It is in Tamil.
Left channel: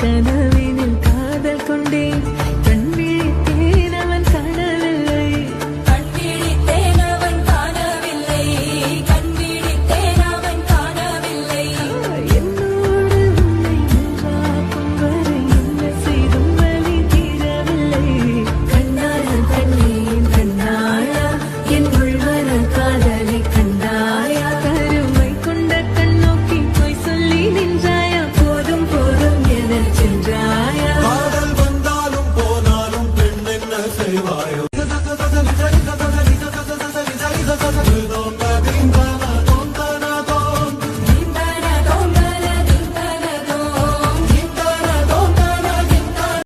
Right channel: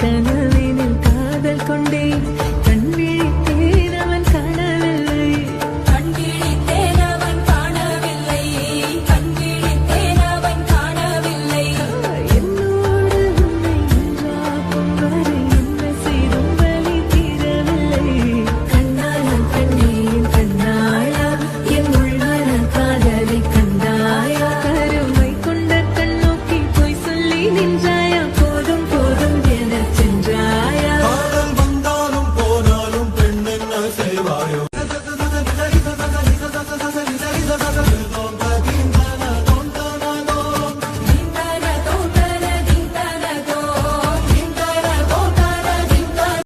கனவினில் காதல் கொண்டேன் கண் விழித்தேன் அவன் காணவில்லை கண் விழித்தேன் அவன் காணவில்லை கண் விழித்தேன் அவன் காணவில்லை என்னோடு உன்னை ஒன்றாக்கும் வரை என்ன செய்தும் வலி தீரவில்லை கண்ணான கண்ணேன் கண்ணாயா என் உள்மன காதலை கண்டாயா கருமை கொண்ட கண்ணோக்கி போய் சொல்லி நின்றாயா போதும் போதும் என சென்றாயா